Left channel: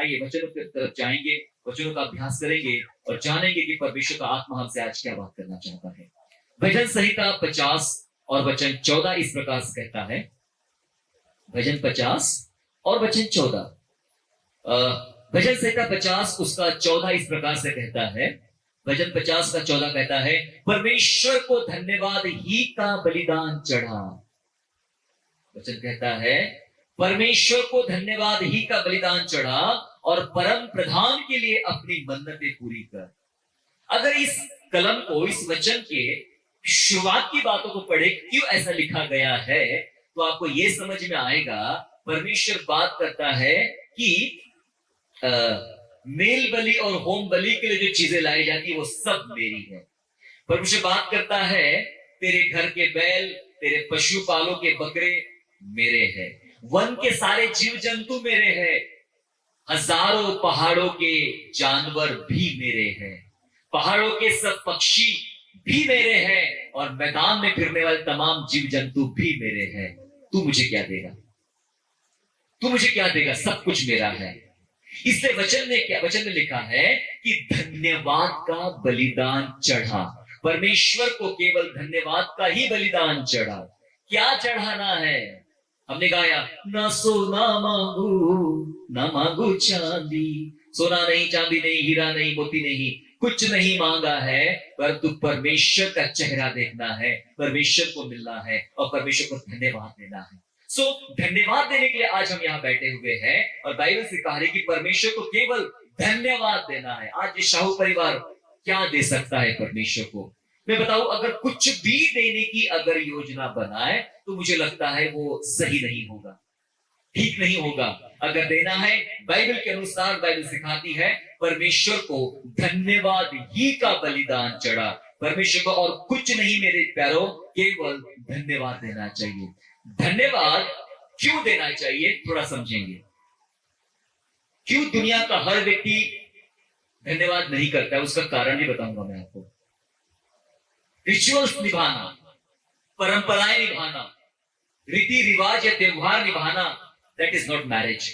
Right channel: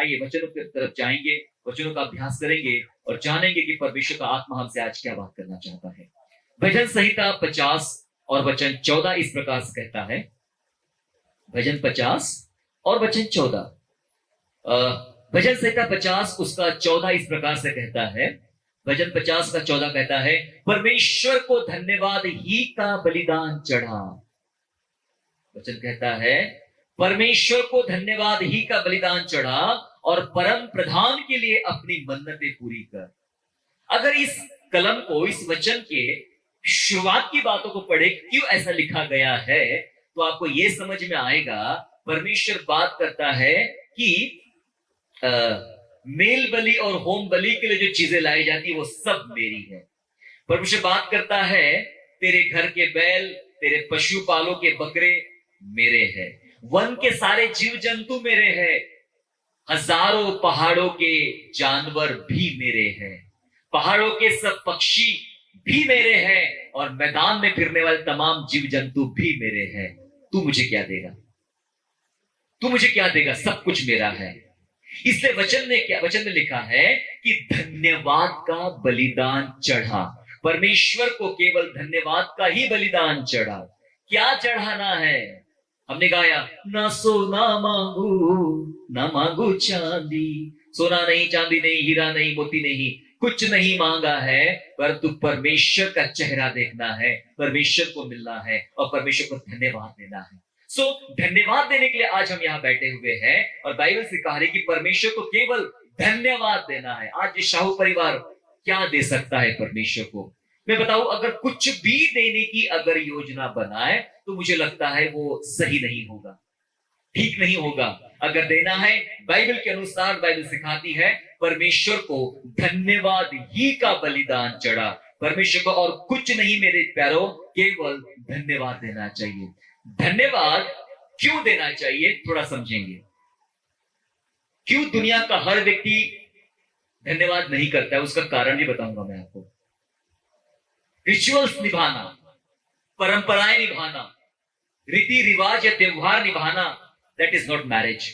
आइए वचनों की तरफ जाएंगे, वचनों का अभ्यास करेंगे और जानेंगे कि परमेश्वर का आत्मा हमसे आज क्या बात करना चाहता है। भजन संहिता 50 और वचन 14 इस प्रकार से कहता है। भजन 50 और वचन 14, भजन संहिता 50 उसका 14 इस प्रकार से कहता है। भजन 50 का 14 कहता है, परमेश्वर को धन्यवाद ही का बलिदान चढ़ा। वचन कहता है, परमेश्वर को धन्यवाद ही का बलिदान चढ़ा और परम प्रधान के लिए अपनी मन्नतें पूरी कर। अगर इस कलम को, इस वचन के शुरुआत की बातों को पढ़े, क्यों ऐसा लिखा गया है, तो आपको यह समझ में आएगा। परमेश्वर बात करता है कि मेल बलि और होम बलि के लिए जो चीजें लाई जाती है वो सब मेरी है। परमेश्वर बात करता है, तेरे घर के बैल, तेरे पशुपालों के बकरे मेरे हैं, वन के सारे जीव जंतु मेरे हैं, हजारों पहाड़ों के जानवर भी मेरे हैं, पहाड़ों के सब पक्षी भी मेरे हैं और मैदान में फिरने वाले तमाम जीव जंतु भी मेरे हैं। तू मुझे क्या देगा? तू मुझे क्या देगा? सब कुछ मेरा है। इसलिए वचन में लिखा है कि धन्यवाद का बलिदान चढ़ा। परमेश्वर को केवल धन्यवाद का ही बलिदान चढ़ा। क्या चढ़ाना है? हमने गाया, ना सोना मांगू ना मांगू चांदी, सोना नहीं, चांदी नहीं, हीरा नहीं, मोती नहीं, कुछ नहीं मांगा है, परंतु परमेश्वर का चेहरा देखना है, परमेश्वर को मिलना है और परमेश्वर को धन्यवाद देना है। धन्यवाद देने के लिए आज हम यहाँ बैठे हुए हैं और बाइबल से कहा है कि परमेश्वर को केवल धन्यवाद देना है। आज ये शाहू परिवार क्या दे सकता है परमेश्वर को? मैं बताऊं, अगर कुछ भी देने की अगर योजना बनाए तो मुझे लगता है वो सही नहीं होगा, ठीक नहीं होगा। अगर देना है, बाइबल के अनुसार बाइबल सिखाती है, परमेश्वर को धन्यवाद ही का बलिदान चढ़ा। परमेश्वर को और कुछ नहीं मेरे प्यारों, केवल धन्यवाद देना चाहिए। धन्यवाद क्यों देना चाहिए, थोड़ा समझेंगे। क्यों दुनिया का हर व्यक्ति धन्यवाद नहीं करता है, उसका कारण भी बताऊंगा मैं आपको। रिचुअल्स निभाना, परंपराएं निभाना, रीति रिवाज या त्योहार निभाना, that is not marriage.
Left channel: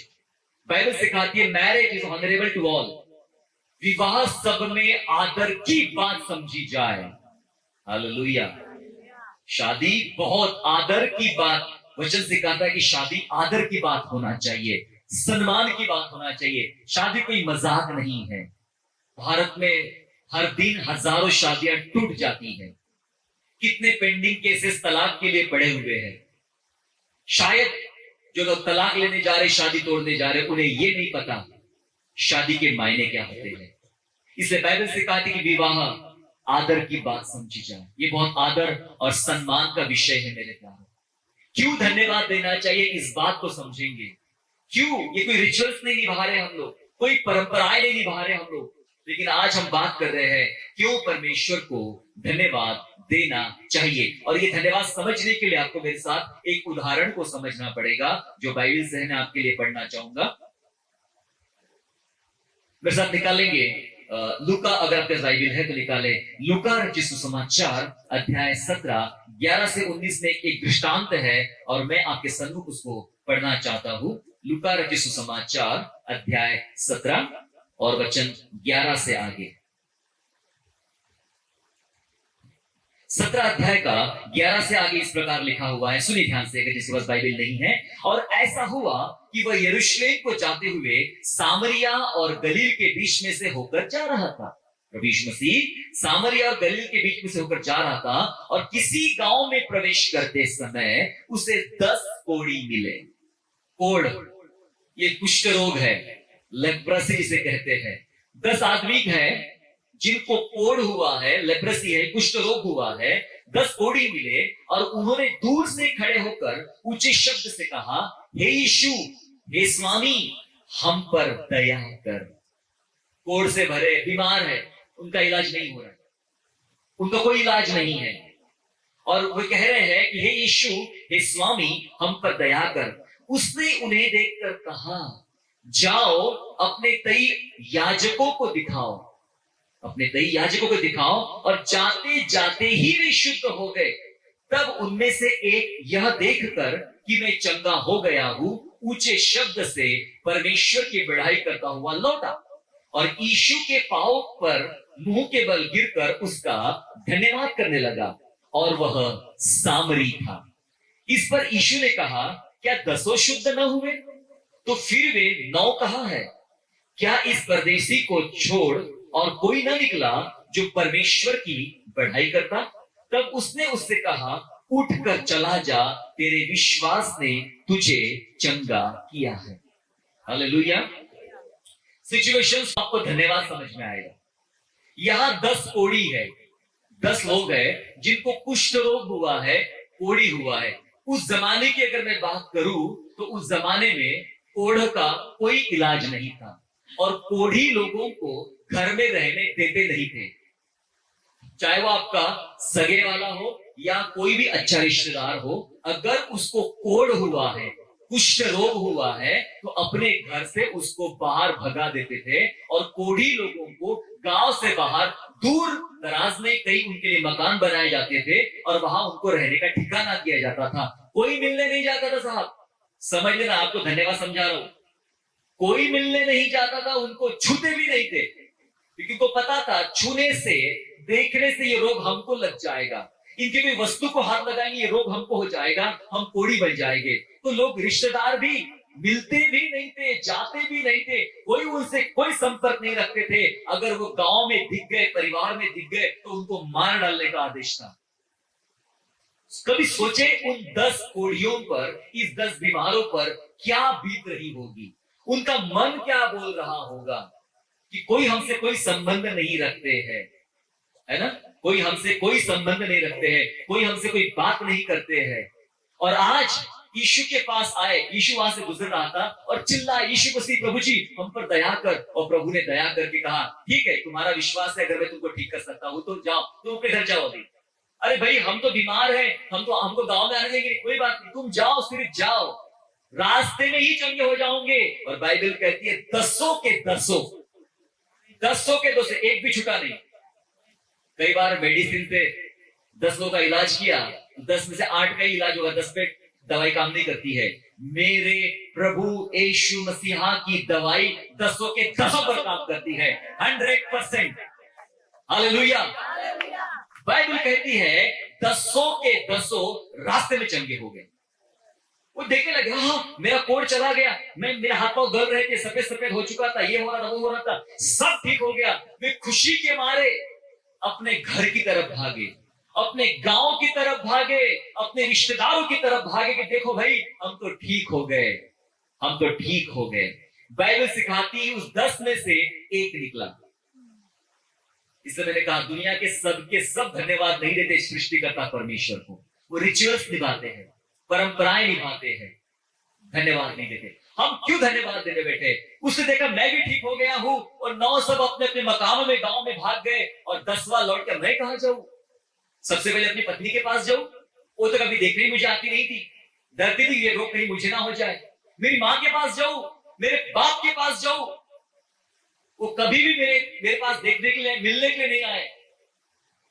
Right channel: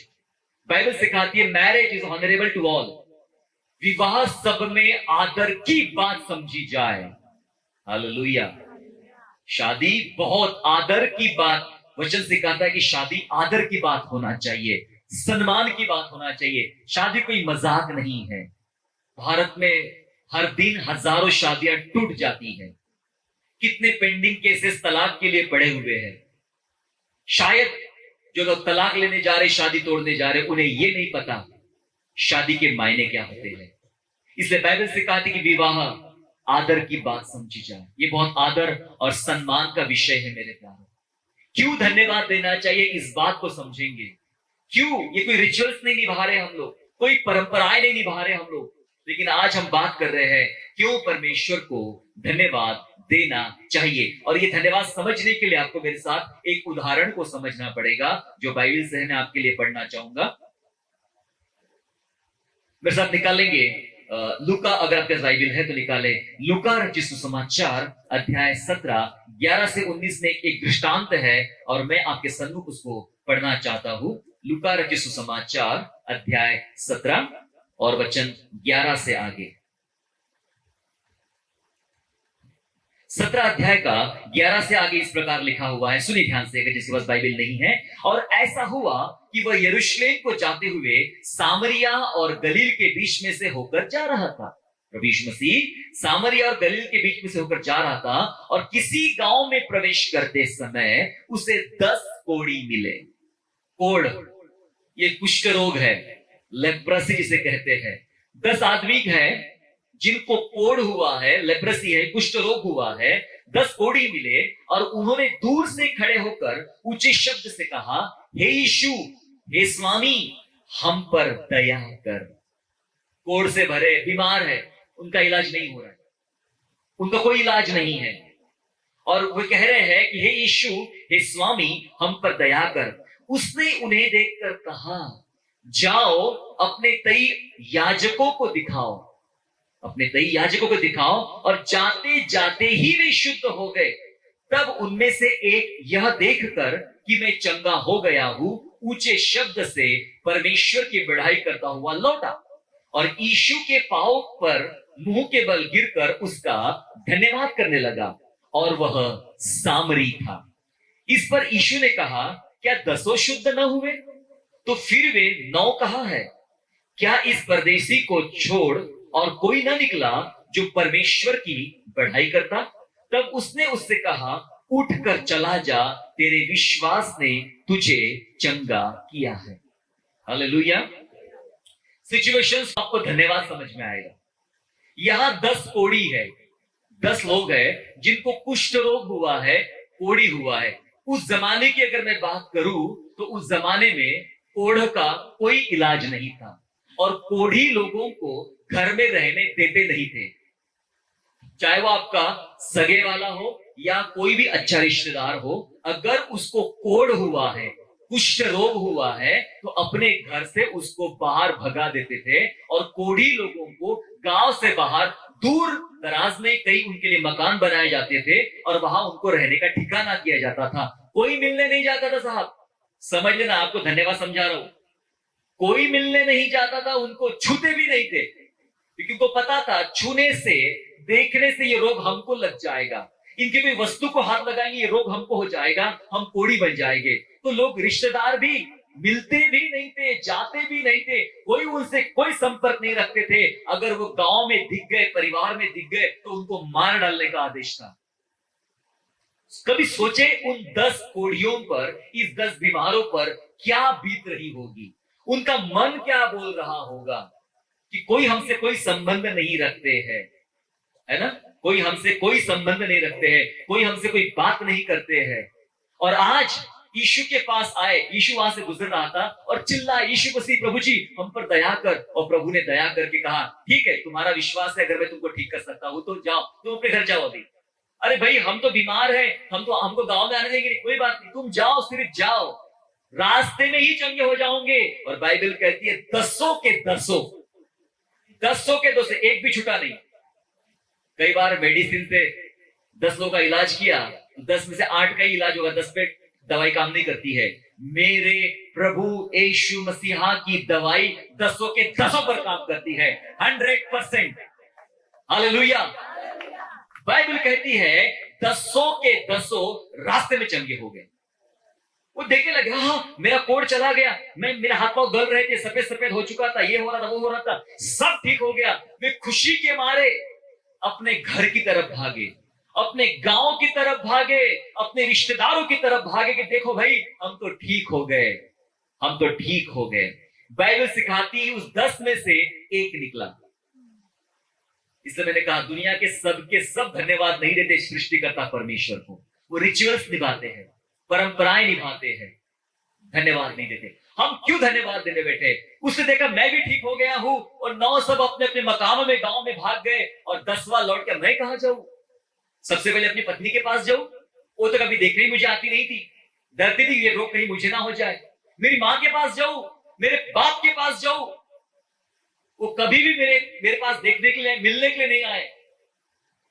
Bible सिखाती है marriage is honourable to all. विवाह सब में आदर की बात समझी जाए। हालेलुया। शादी बहुत आदर की बात, वचन सिखाता है कि शादी आदर की बात होना चाहिए, सम्मान की बात होना चाहिए। शादी कोई मजाक नहीं है। भारत में हर दिन हजारों शादियां टूट जाती हैं। कितने पेंडिंग केसेस तलाक के लिए पड़े हुए हैं। शायद जो लोग तलाक लेने जा रहे, शादी तोड़ने जा रहे, उन्हें यह नहीं पता शादी के मायने क्या होते हैं। इसलिए बाइबल सिखाती है कि विवाह आदर की बात समझी जाए। ये बहुत आदर और सम्मान का विषय है मेरे प्यारों। क्यों धन्यवाद देना चाहिए, इस बात को समझेंगे। क्यों? ये कोई रिचुअल्स नहीं निभा रहे हम लोग, कोई परंपराएं नहीं निभा रहे हम लोग, लेकिन आज हम बात कर रहे हैं क्यों परमेश्वर को धन्यवाद देना चाहिए। और ये धन्यवाद समझने के लिए आपको मेरे साथ एक उदाहरण को समझना पड़ेगा, जो बाइबल से है, मैं आपके लिए पढ़ना चाहूंगा। मेरे साथ निकालेंगे लूका, अगर आपके बाइबल है तो निकाले लूका रचित सुसमाचार अध्याय 17 11 से 19 में एक दृष्टांत है और मैं आपके सम्मुख उसको पढ़ना चाहता हूं। लूका रचित सुसमाचार अध्याय 17 और वचन 11 से आगे। 17 अध्याय का 11 से आगे इस प्रकार लिखा हुआ है, सुनिए ध्यान से, अगर जिसके पास बाइबल नहीं है। और ऐसा हुआ कि वह यरूशलेम को जाते हुए सामरिया और गलील के बीच में से होकर जा रहा था। प्रभु यीशु मसीह सामरिया और गलील के बीच में से होकर जा रहा था और किसी गांव में प्रवेश करते समय उसे 10 कोढ़ी मिले। कोढ़ ये कुष्ठ रोग है, लेप्रोसी जिसे कहते हैं। 10 आदमी हैं जिनको कोढ़ हुआ है, लेप्रोसी है, कुष्ठ रोग हुआ है। 10 कोढ़ी मिले और उन्होंने दूर से खड़े होकर ऊंचे शब्द से कहा, हे यीशु, हे स्वामी, हम पर दया कर। कोढ़ से भरे, बीमार है, उनका इलाज नहीं हो रहा है, उनका कोई इलाज नहीं है, और वे कह रहे हैं कि हे यीशु, हे स्वामी, हम पर दया कर। उसने उन्हें देखकर कहा, जाओ अपने 23 याजकों को दिखाओ, अपने 23 याजकों को दिखाओ। और जाते जाते ही वे शुद्ध हो गए। तब उनमें से एक यह देखकर कि मैं चंगा हो गया हूं, ऊंचे शब्द से परमेश्वर की बढ़ाई करता हुआ लौटा और यीशु के पांव पर मुंह के बल गिरकर उसका धन्यवाद करने लगा और वह सामरी था। इस पर यीशु ने कहा, क्या 10 शुद्ध न हुए? तो फिर वे 9 कहाँ है? क्या इस परदेसी को छोड़ और कोई न निकला जो परमेश्वर की बढ़ाई करता? तब उसने उससे कहा, उठकर चला जा, तेरे विश्वास ने तुझे चंगा किया है। हालेलुया। सिचुएशंस आपको धन्यवाद समझ में आएगा। यहां 10 कोढ़ी है, 10 लोग हैं जिनको कुष्ठ रोग हुआ है, कोढ़ी हुआ है। उस जमाने की अगर मैं बात करूं तो उस जमाने में कोढ़ का कोई इलाज नहीं था और कोढ़ी लोगों को घर में रहने देते नहीं थे। चाहे वो आपका सगे वाला हो या कोई भी अच्छा रिश्तेदार हो, अगर उसको कोढ़ हुआ है, कुष्ठ रोग हुआ है, तो अपने घर से उसको बाहर भगा देते थे और कोढ़ी लोगों को गांव से बाहर दूर दराज में कई उनके लिए मकान बनाए जाते थे और वहां उनको रहने का ठिकाना दिया जाता था। कोई मिलने नहीं जाता था। साहब समझ लेना, आपको धन्यवाद समझा रहा हूं। कोई मिलने नहीं जाता था, उनको छूते भी नहीं थे, क्योंकि उनको पता था छूने से, देखने से ये रोग हमको लग जाएगा, इनकी कोई वस्तु को हाथ लगाएंगे ये रोग हमको हो जाएगा, हम कोढ़ी बन जाएंगे। तो लोग रिश्तेदार भी मिलते भी नहीं थे, जाते भी नहीं थे, कोई उनसे कोई संपर्क नहीं रखते थे। अगर वो गांव में दिख गए, परिवार में दिख गए, तो उनको मार डालने का आदेश था। कभी सोचे उन 10 कोढ़ियों पर, इस 10 बीमारों पर क्या बीत रही होगी, उनका मन क्या बोल रहा होगा कि कोई हमसे कोई संबंध नहीं रखते हैं, है ना, कोई हमसे कोई संबंध नहीं रखते हैं, कोई हमसे कोई बात नहीं करते हैं। और आज यीशु के पास आए, यीशु वहां से गुजर रहा था और चिल्ला, यीशु मसीह, प्रभु जी हम पर दया कर। और प्रभु ने दया करके कहा, ठीक है, तुम्हारा विश्वास है, अगर मैं तुमको ठीक कर सकता हूं तो जाओ, तुम अपने घर जाओ अभी। अरे भाई, हम तो बीमार हैं, हमको गांव में आने देंगे, कोई बात नहीं, तुम जाओ, सिर्फ जाओ, रास्ते में ही चंगे हो जाओगे। और बाइबल कहती है 10 के 10, 10 के 10, एक भी छूटा नहीं। कई बार मेडिसिन से 10 लोगों का इलाज किया, 10 में से 8 का ही इलाज होगा, 10 पे दवाई काम नहीं करती है। मेरे प्रभु यीशु मसीहा की दवाई 10 के 10 पर काम करती है, 100%। हालेलुया। बाइबल कहती है 10 के 10 रास्ते में चंगे हो गए। वो देखने लगे, हाँ मेरा कोढ़ चला गया, मेरे हाथ पांव गल रहे थे, सफेद सफेद हो चुका था, ये हो रहा था, वो हो रहा था, सब ठीक हो गया। वे खुशी के मारे अपने घर की तरफ भागे, अपने गांव की तरफ भागे, अपने रिश्तेदारों की तरफ भागे कि देखो भाई, हम तो ठीक हो गए, हम तो ठीक हो गए। बाइबल सिखाती है उस 10 में से एक निकला। इसलिए मैंने कहा, दुनिया के सब धन्यवाद नहीं देते सृष्टिकर्ता परमेश्वर को, वो रिचुअल्स निभाते हैं, परंपराएं निभाते हैं, धन्यवाद नहीं देते। हम क्यों धन्यवाद देने बैठे? उसने देखा मैं भी ठीक हो गया हूं और 9 सब अपने अपने मकानों में, गांव में भाग गए, और 10वां लौट कर मैं कहां जाऊं? सबसे पहले अपनी पत्नी के पास जाऊं, वो तो कभी देखने ही मुझे आती नहीं थी, डरती थी ये रोग कहीं मुझे ना हो जाए। मेरी मां के पास जाऊं, मेरे बाप के पास जाऊं, वो कभी भी मेरे पास देखने के लिए, मिलने के लिए नहीं आए।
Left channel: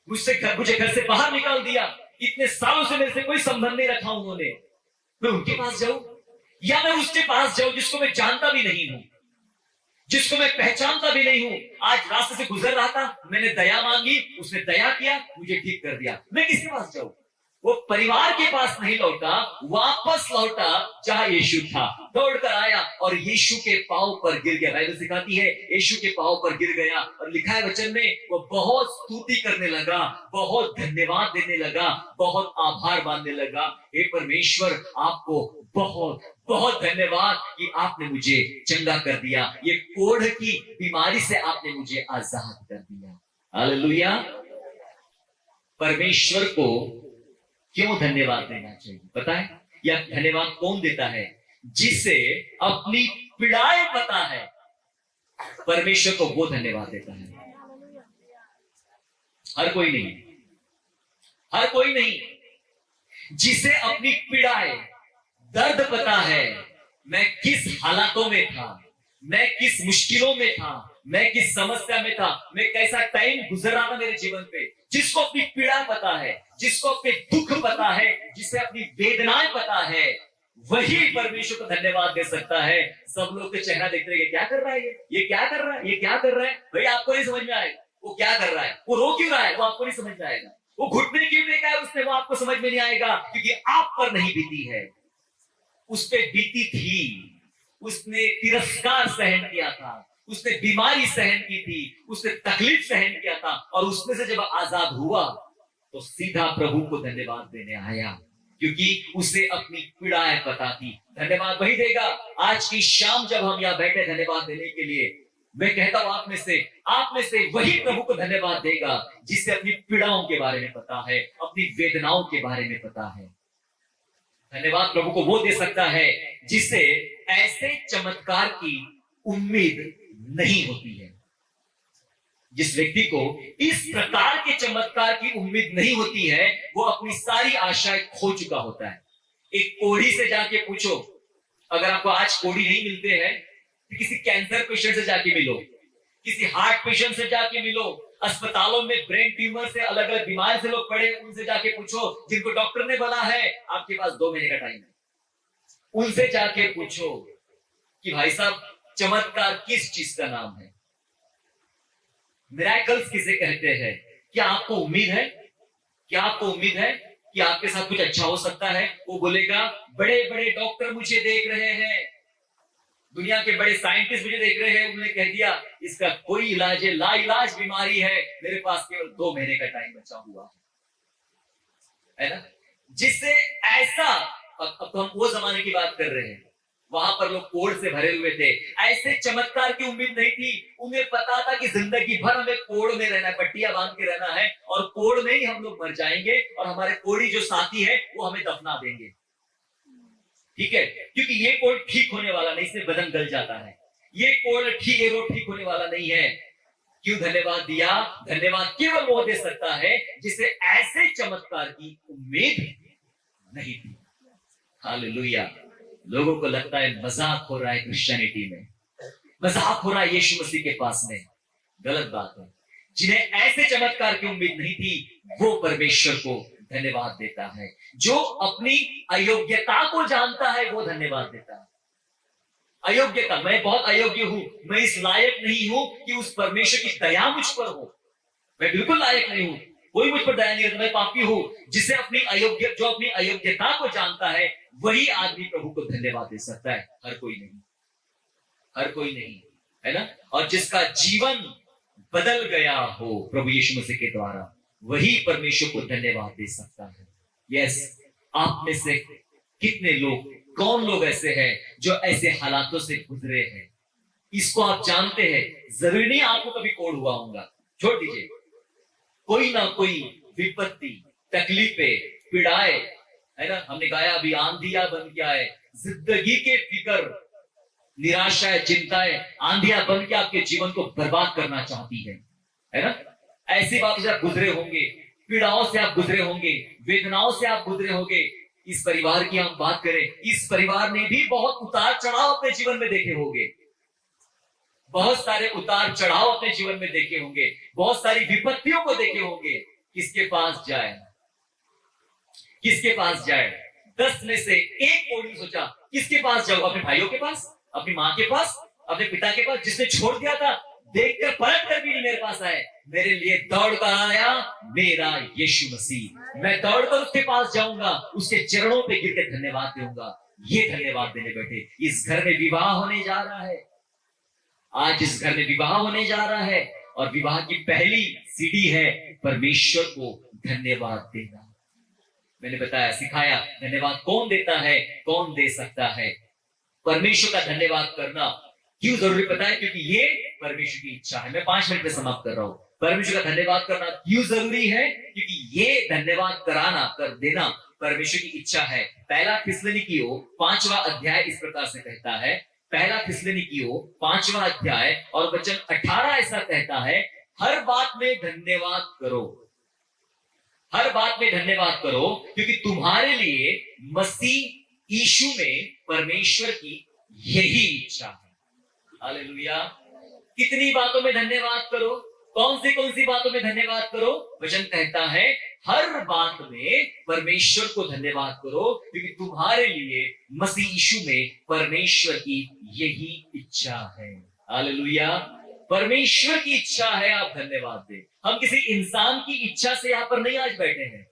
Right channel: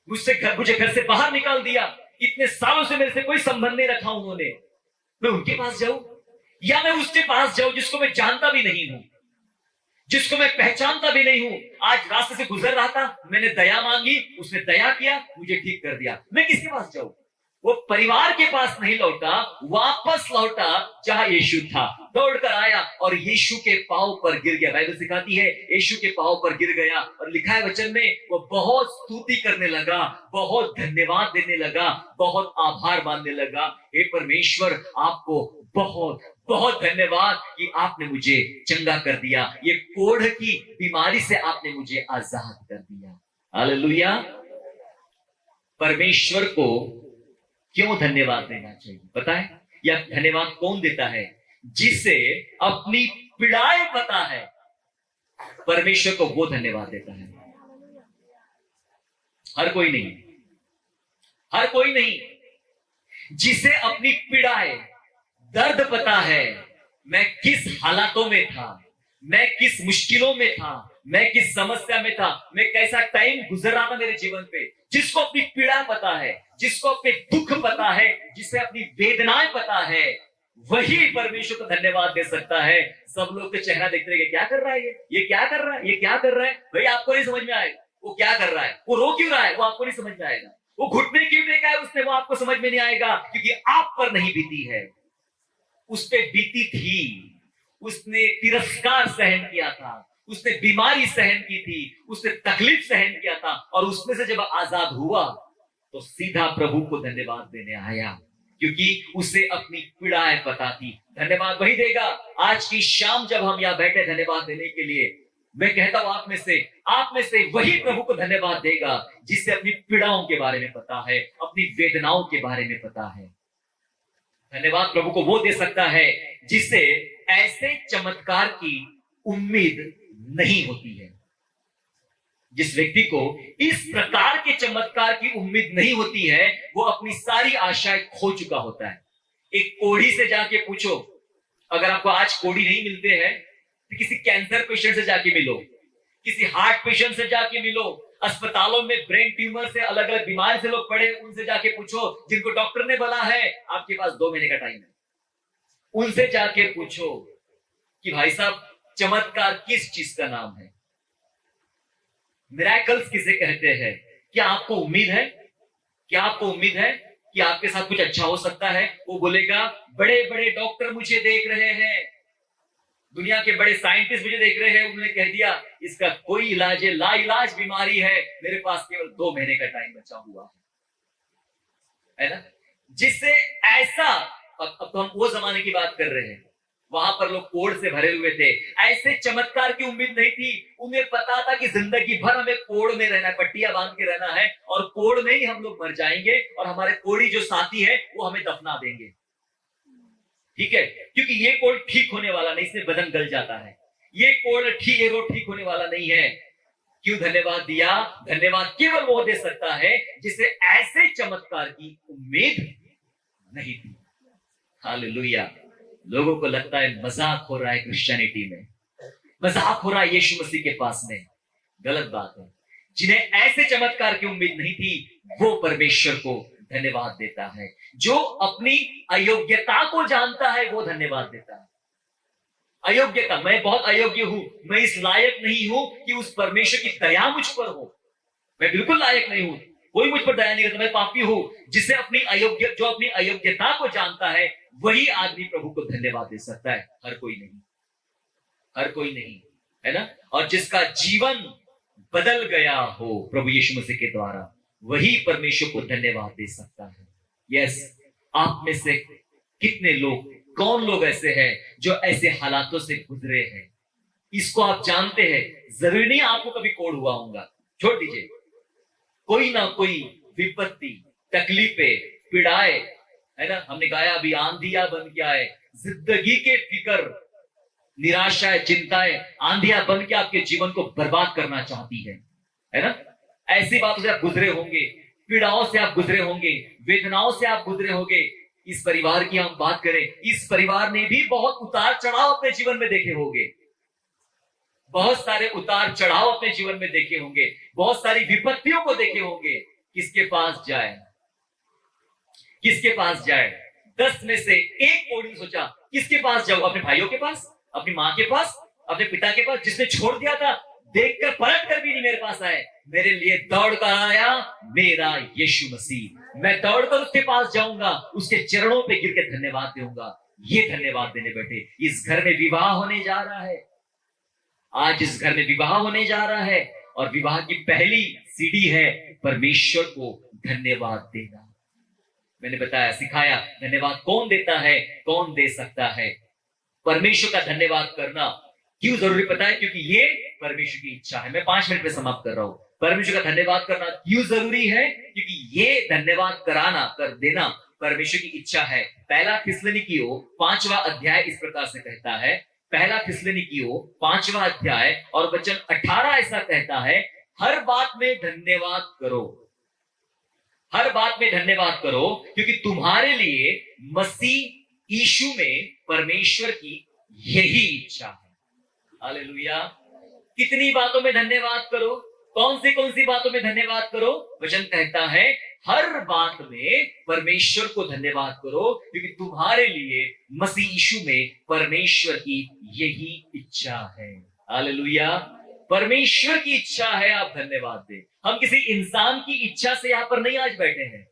मुझे घर से बाहर निकाल दिया, इतने सालों से मेरे से कोई संबंध नहीं रखा उन्होंने। मैं उनके पास जाऊं या मैं उसके पास जाऊं जिसको मैं जानता भी नहीं हूं, जिसको मैं पहचानता भी नहीं हूं? आज रास्ते से गुजर रहा था, मैंने दया मांगी, उसने दया किया, मुझे ठीक कर दिया। मैं किसके पास जाऊं? वो परिवार के पास नहीं लौटा, वापस लौटा जहां यीशु था, दौड़कर आया और यीशु के पांव पर गिर गया। बाइबल सिखाती है यीशु के पांव पर गिर गया और लिखा है वचन में, वो बहुत स्तुति करने लगा, बहुत धन्यवाद देने लगा, बहुत आभार मानने लगा। हे परमेश्वर, आपको बहुत बहुत धन्यवाद कि आपने मुझे चंगा कर दिया, ये कोढ़ की बीमारी से आपने मुझे आजाद कर दिया। हालेलुया। परमेश्वर को क्यों धन्यवाद देना चाहिए पता है? यह धन्यवाद कौन देता है? जिसे अपनी पीड़ाएं पता है, परमेश्वर को वो धन्यवाद देता है। हर कोई नहीं, हर कोई नहीं। जिसे अपनी पीड़ाएं, दर्द पता है, मैं किस हालातों में था, मैं किस मुश्किलों में था, मैं किस समस्या में था, मैं कैसा टाइम गुजर रहा था मेरे जीवन पे, जिसको अपनी पीड़ा पता है, जिसको अपने दुख पता है, जिसे अपनी वेदनाएं पता है, वही परमेश्वर को धन्यवाद दे सकता है। सब लोग तो चेहरा देखते रहे, क्या कर रहा है ये क्या कर रहा है, ये क्या कर रहा है, भाई आपको नहीं समझ में आएगा वो क्या कर रहा है, वो रो क्यों रहा है वो आपको नहीं समझ में आएगा, वो घुटने क्यों देखा है उसने वो आपको समझ में नहीं आएगा, क्योंकि आप पर नहीं बीती है, उस पे बीती थी। उसने तिरस्कार सहन किया था, उसने बीमारी सहन की थी, उसने तकलीफ सहन किया था, और उसमें से जब आजाद हुआ तो सीधा प्रभु को धन्यवाद देने आया, क्योंकि उसे अपनी पीड़ाएं पता थी। धन्यवाद वही देगा। आज की शाम जब हम यहां बैठे धन्यवाद देने के लिए, मैं कहता हूं आप में से वही प्रभु को धन्यवाद देगा जिसे अपनी पीड़ाओं के बारे में पता है, अपनी वेदनाओं के बारे में पता है। धन्यवाद प्रभु को वो दे सकता है जिसे ऐसे चमत्कार की उम्मीद नहीं होती है। जिस व्यक्ति को इस प्रकार के चमत्कार की उम्मीद नहीं होती है, वो अपनी सारी आशाएं खो चुका होता है। एक कोढ़ी से जाके पूछो, अगर आपको आज कोढ़ी नहीं मिलते हैं तो किसी कैंसर पेशेंट से जाके मिलो, किसी हार्ट पेशेंट से जाके मिलो, अस्पतालों में ब्रेन ट्यूमर से अलग अलग बीमारी से लोग पड़े, उनसे जाके पूछो, जिनको डॉक्टर ने बोला है आपके पास 2 महीने का टाइम है, उनसे जाके पूछो कि भाई साहब चमत्कार किस चीज का नाम है, मिरेकल्स किसे कहते हैं। क्या आपको उम्मीद है, क्या आपको उम्मीद है कि आपके साथ कुछ अच्छा हो सकता है? वो बोलेगा बड़े बड़े डॉक्टर मुझे देख रहे हैं, दुनिया के बड़े साइंटिस्ट मुझे देख रहे हैं, उन्होंने कह दिया इसका कोई इलाज है, लाइलाज बीमारी है, मेरे पास केवल 2 महीने का टाइम बचा हुआ है ना। जिससे ऐसा, अब तो हम वो जमाने की बात कर रहे हैं, वहां पर लोग कोढ़ से भरे हुए थे, ऐसे चमत्कार की उम्मीद नहीं थी। उन्हें पता था कि जिंदगी भर हमें कोढ़ में रहना है, पट्टियां बांध के रहना है, और कोढ़ में ही हम लोग मर जाएंगे, और हमारे कोढ़ी जो साथी है वो हमें दफना देंगे। ठीक है, क्योंकि ये कोढ़ ठीक होने वाला नहीं, इसमें बदन गल जाता है, ये कोढ़ ठीक होने वाला नहीं है। क्यों धन्यवाद दिया? धन्यवाद केवल वो दे सकता है जिसे ऐसे चमत्कार की उम्मीद नहीं थी। हालेलुया। लोगों को लगता है मजाक हो रहा है क्रिश्चियनिटी में, मजाक हो रहा है यीशु मसीह के पास में। गलत बात है। जिन्हें ऐसे चमत्कार की उम्मीद नहीं थी, वो परमेश्वर को धन्यवाद देता है। जो अपनी अयोग्यता को जानता है वो धन्यवाद देता है। अयोग्यता, मैं बहुत अयोग्य हूं, मैं इस लायक नहीं हूं कि उस परमेश्वर की दया मुझ पर हो, मैं बिल्कुल लायक नहीं हूं, कोई मुझ पर दया नहीं करता, मैं पापी हूं। जिसे जो अपनी अयोग्यता को जानता है वही आदमी प्रभु को धन्यवाद दे सकता है, हर कोई नहीं, हर कोई नहीं, है ना। और जिसका जीवन बदल गया हो प्रभु यीशु मसीह के द्वारा, वही परमेश्वर को धन्यवाद दे सकता है। यस, आप में से कितने लोग, कौन लोग ऐसे हैं जो ऐसे हालातों से गुजरे हैं? इसको आप जानते हैं। जरूरी नहीं आपको कभी कोढ़ हुआ होगा, छोड़ दीजिए, कोई ना कोई विपत्ति, तकलीफें, पीड़ाएं, है ना। हमने गाया अभी, आंधियां बन के आए, जिंदगी के फिक्र, निराशाएं, चिंताएं आंधियां बन के आपके जीवन को बर्बाद करना चाहती है ना। ऐसी बातों से आप गुजरे होंगे, पीड़ाओं से आप गुजरे होंगे, वेदनाओं से आप गुजरे होंगे। इस परिवार की हम बात करें, इस परिवार ने भी बहुत उतार चढ़ाव अपने जीवन में देखे होंगे, बहुत सारे उतार चढ़ाव अपने जीवन में देखे होंगे, बहुत सारी विपत्तियों को देखे होंगे। किसके पास जाए, किसके पास जाए? 10 में से एक कोढ़ी सोचा किसके पास जाऊं? अपने भाइयों के पास, अपनी माँ के पास, अपने पिता के पास, जिसने छोड़ दिया था, देखकर पलट कर भी नहीं मेरे पास आए, मेरे लिए दौड़ कर आया मेरा यीशु मसीह। मैं दौड़कर उसके पास जाऊंगा, उसके चरणों पे गिर के धन्यवाद दूंगा। ये धन्यवाद देने बैठे। इस घर में विवाह होने जा रहा है, आज इस घर में विवाह होने जा रहा है, और विवाह की पहली सीढ़ी है परमेश्वर को धन्यवाद देना। मैंने बताया, सिखाया, धन्यवाद कौन देता है, कौन दे सकता है। परमेश्वर का धन्यवाद करना क्यों जरूरी पता है? क्योंकि ये परमेश्वर की इच्छा है। मैं 5 मिनट में समाप्त कर रहा हूं। परमेश्वर का धन्यवाद करना क्यों जरूरी है? क्योंकि ये धन्यवाद कराना, कर देना परमेश्वर की इच्छा है। पहला थिस्सलुनीकियों 5वां अध्याय इस प्रकार से कहता है, पहला थिस्सलुनीकियों 5वां अध्याय और वचन 18 ऐसा कहता है, हर बात में धन्यवाद करो, हर बात में धन्यवाद करो, क्योंकि तुम्हारे लिए मसीह यीशु में परमेश्वर की यही इच्छा है। हालेलुया। कितनी बातों में धन्यवाद करो? कौन सी बातों में धन्यवाद करो? वचन कहता है हर बात में परमेश्वर को धन्यवाद करो, क्योंकि तुम्हारे लिए मसीह यीशु में परमेश्वर की यही इच्छा है। हालेलुया। परमेश्वर की इच्छा है आप धन्यवाद दें। हम किसी इंसान की इच्छा से यहां पर नहीं आज बैठे हैं,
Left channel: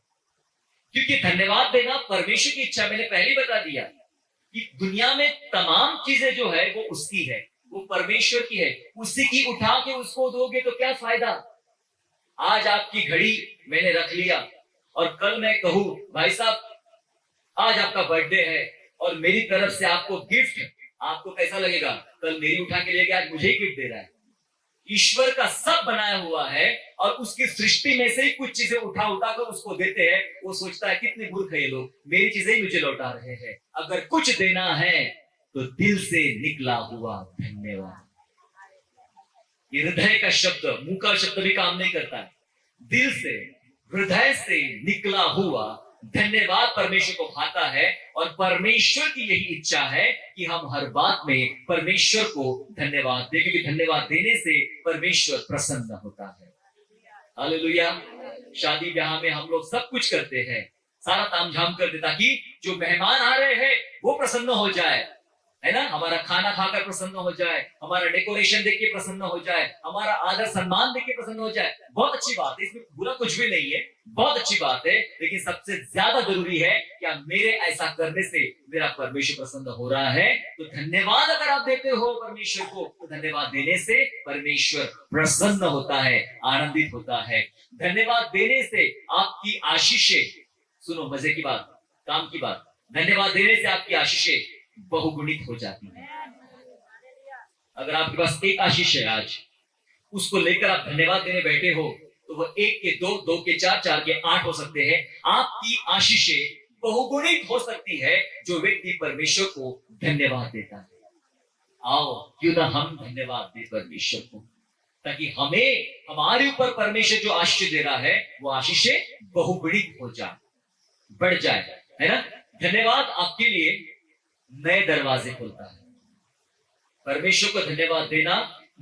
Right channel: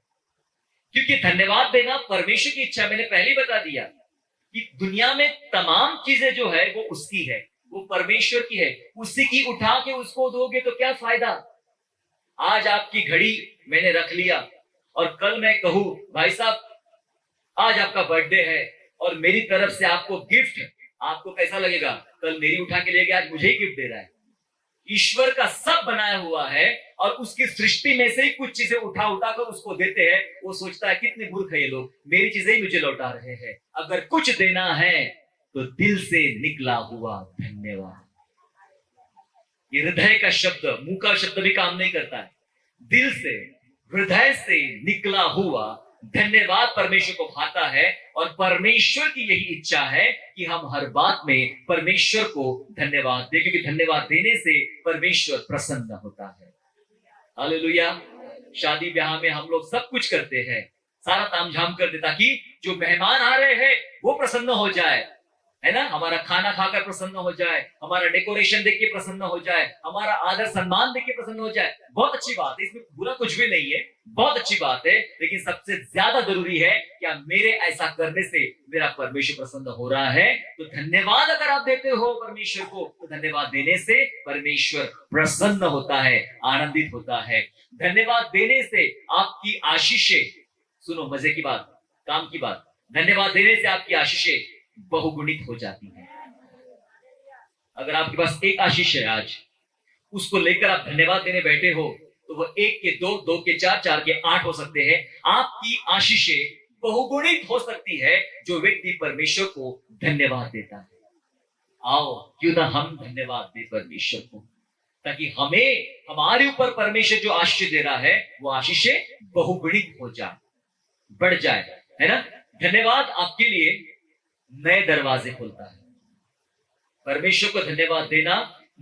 क्योंकि धन्यवाद देना परमेश्वर की इच्छा। मैंने पहले ही बता दिया कि दुनिया में तमाम चीजें जो है वो उसकी है, वो परमेश्वर की है। उसी की उठा के उसको दोगे तो क्या फायदा। आज आपकी घड़ी मैंने रख लिया और कल मैं कहूं भाई साहब आज आपका बर्थडे है और मेरी तरफ से आपको गिफ्ट, आपको कैसा लगेगा। कल मेरी उठा के लेके आज मुझे ही गिफ्ट दे रहा है। ईश्वर का सब बनाया हुआ है और उसकी सृष्टि में से ही कुछ चीजें उठा कर उसको देते हैं। वो सोचता है कितने मूर्ख है ये लोग, मेरी चीजें ही मुझे लौटा रहे हैं। अगर कुछ देना है तो दिल से निकला हुआ धन्यवाद। ये हृदय का शब्द, मुंह का शब्द भी काम नहीं करता है। दिल से, हृदय से निकला हुआ धन्यवाद परमेश्वर को भाता है। और परमेश्वर की यही इच्छा है कि हम हर बात में परमेश्वर को धन्यवाद दें, क्योंकि धन्यवाद देने से परमेश्वर प्रसन्न होता है। हालेलुया। शादी ब्याह में हम लोग सब कुछ करते हैं, सारा तामझाम कर दे ताकि जो मेहमान आ रहे हैं वो प्रसन्न हो जाए, है ना। हमारा खाना खाकर प्रसन्न हो जाए, हमारा डेकोरेशन देख के प्रसन्न हो जाए, हमारा आदर सम्मान देख के प्रसन्न हो जाए। बहुत अच्छी बात है, इसमें बुरा कुछ भी नहीं है, बहुत अच्छी बात है। लेकिन सबसे ज्यादा जरूरी है क्या मेरे ऐसा करने से मेरा परमेश्वर प्रसन्न हो रहा है। तो धन्यवाद अगर आप देते हो परमेश्वर को, तो धन्यवाद देने से परमेश्वर प्रसन्न होता है, आनंदित होता है। धन्यवाद देने से आपकी आशीषें, सुनो मजे की बात, काम की बात, धन्यवाद देने से आपकी आशीषें बहुगुणित हो जाती है। अगर आपके पास एक आशीष है आज, उसको लेकर आप धन्यवाद देने बैठे हो, तो वो एक के दो, दो के चार, चार के आठ हो सकते हैं। आपकी आशीषें बहुगुणित हो सकती है जो व्यक्ति परमेश्वर को धन्यवाद देता है। आओ क्यों ना हम धन्यवाद दें परमेश्वर को, ताकि हमें, हमारे ऊपर परमेश्वर जो आशीष दे रहा है वो आशीषें बहुगुणित हो जाए, बढ़ जाए, है ना। धन्यवाद आपके लिए नए दरवाजे खोलता है। परमेश्वर को धन्यवाद देना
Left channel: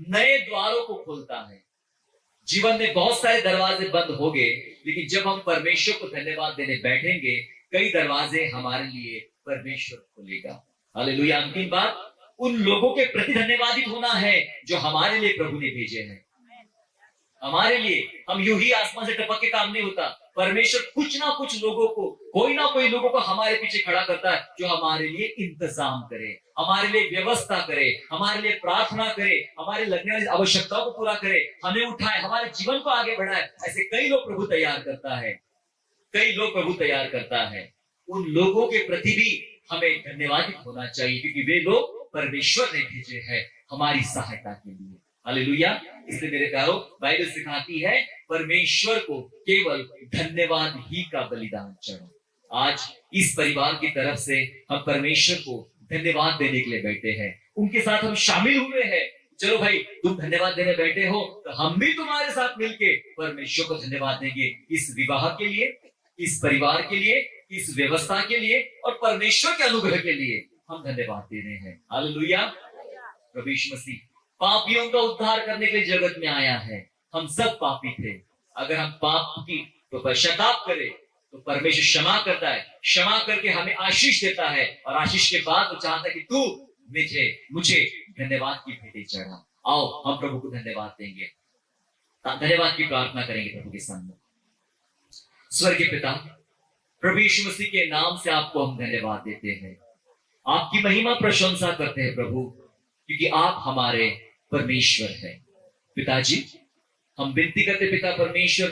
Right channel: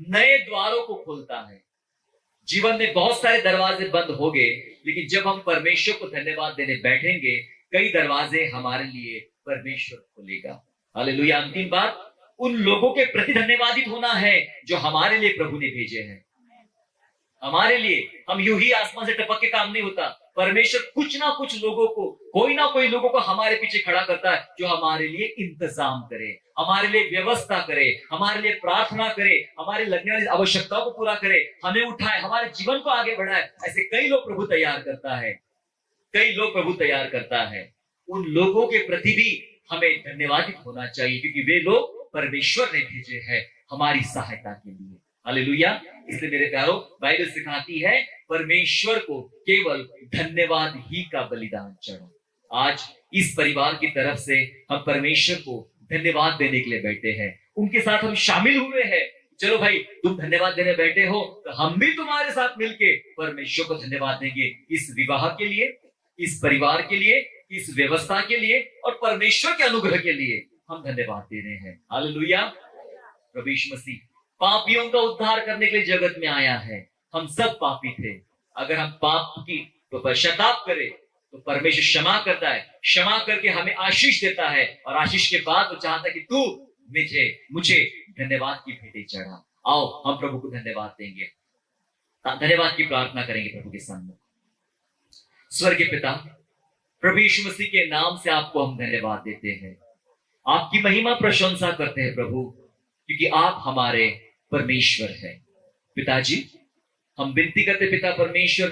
नए द्वारों को खोलता है। जीवन में बहुत सारे दरवाजे बंद हो गए, लेकिन जब हम परमेश्वर को धन्यवाद देने बैठेंगे, कई दरवाजे हमारे लिए परमेश्वर खोलेगा। हालेलुया। अंतिम बात, उन लोगों के प्रति धन्यवादित होना है जो हमारे लिए प्रभु ने भेजे हैं। हमारे लिए, हम यूं ही आसमान से टपक के काम नहीं होता। परमेश्वर कुछ ना कुछ लोगों को, कोई ना कोई लोगों को हमारे पीछे खड़ा करता है जो हमारे लिए इंतजाम करे, हमारे लिए व्यवस्था करे, हमारे लिए प्रार्थना करे, हमारे लगने वाली आवश्यकताओं को पूरा करे, हमें उठाए, हमारे जीवन को आगे बढ़ाए। ऐसे कई लोग प्रभु तैयार करता है, कई लोग प्रभु तैयार करता है। उन लोगों के प्रति भी हमें धन्यवादित होना चाहिए, क्योंकि वे लोग परमेश्वर ने भेजे हैं हमारी सहायता के लिए। हालेलुया। इसलिए मेरे प्यारों, बाइबल सिखाती है परमेश्वर को केवल धन्यवाद ही का बलिदान चढ़ो। आज इस परिवार की तरफ से हम परमेश्वर को धन्यवाद देने के लिए बैठे हैं, उनके साथ हम शामिल हुए हैं। चलो भाई, तुम धन्यवाद देने बैठे हो तो हम भी तुम्हारे साथ मिलके परमेश्वर को धन्यवाद देंगे, इस विवाह के लिए, इस परिवार के लिए, इस व्यवस्था के लिए और परमेश्वर के अनुग्रह के लिए हम धन्यवाद दे रहे हैं। हालेलुया। प्रभु यीशु मसीह पापियों का उद्धार करने के लिए जगत में आया है। हम सब पापी थे। अगर हम पाप की तो पश्चाताप करें तो परमेश्वर क्षमा करता है, क्षमा करके हमें आशीष देता है और आशीष के बाद वो चाहता है कि तू मुझे धन्यवाद की भेंटें चढ़ा। आओ हम प्रभु को धन्यवाद देंगे, धन्यवाद की प्रार्थना करेंगे प्रभु के सामने। स्वर्गीय पिता, प्रभु यीशु मसीह के नाम से आपको हम धन्यवाद देते हैं, आपकी महिमा प्रशंसा करते हैं प्रभु, क्योंकि आप हमारे परमेश्वर है। पिताजी, हम विनती करते पिता परमेश्वर,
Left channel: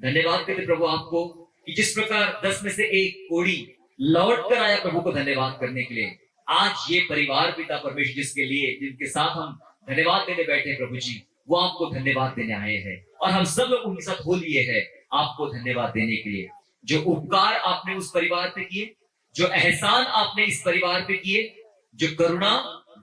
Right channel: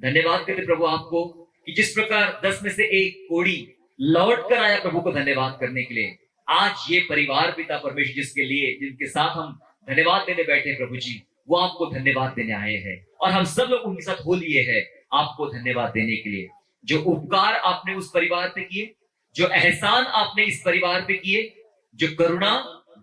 धन्यवाद करते प्रभु आपको कि जिस प्रकार 10 में से एक कोड़ी लौट कर आया प्रभु को धन्यवाद करने के लिए, आज ये परिवार पिता परमेश्वर जिसके लिए, जिनके साथ हम धन्यवाद देने बैठे प्रभु जी, वो आपको धन्यवाद देने आए हैं और हम सब लोग उनके साथ हो लिए हैं आपको धन्यवाद देने के लिए। जो उपकार आपने उस परिवार पे किए, जो एहसान आपने इस परिवार पे किए, जो करुणा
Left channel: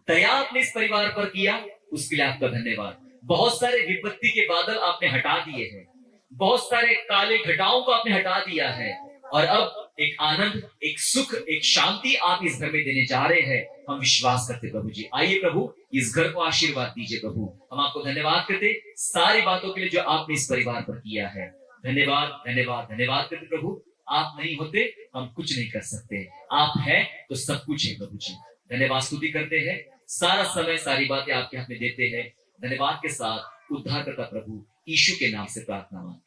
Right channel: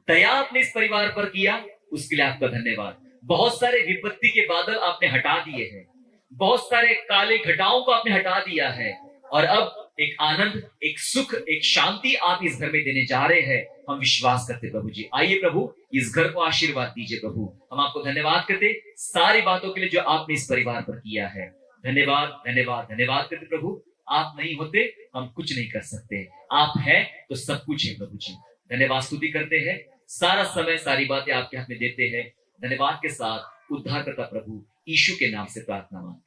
दया आपने इस परिवार पर किया, उसके लिए आपका धन्यवाद। बहुत सारे विपत्ति के बादल आपने हटा दिए हैं, बहुत सारे काले घटाओं को आपने हटा दिया है और अब एक आनंद, एक सुख, एक शांति आप इस घर में देने जा रहे हैं। हम विश्वास करते प्रभु जी। आइए प्रभु, इस घर को आशीर्वाद दीजिए प्रभु। हम आपको धन्यवाद करते सारी बातों के लिए जो आपने इस परिवार पर किया है। धन्यवाद, धन्यवाद, धन्यवाद करते प्रभु। आप नहीं होते हम कुछ नहीं कर सकते, आप हैं तो सब कुछ है प्रभु जी। धन्यवाद स्तुति करते हैं, सारा समय सारी बातें आपके हाथ में देते हैं। धन्यवाद के साथ उद्धार करता प्रभु यीशु के नाम से प्रार्थना मांगते हैं।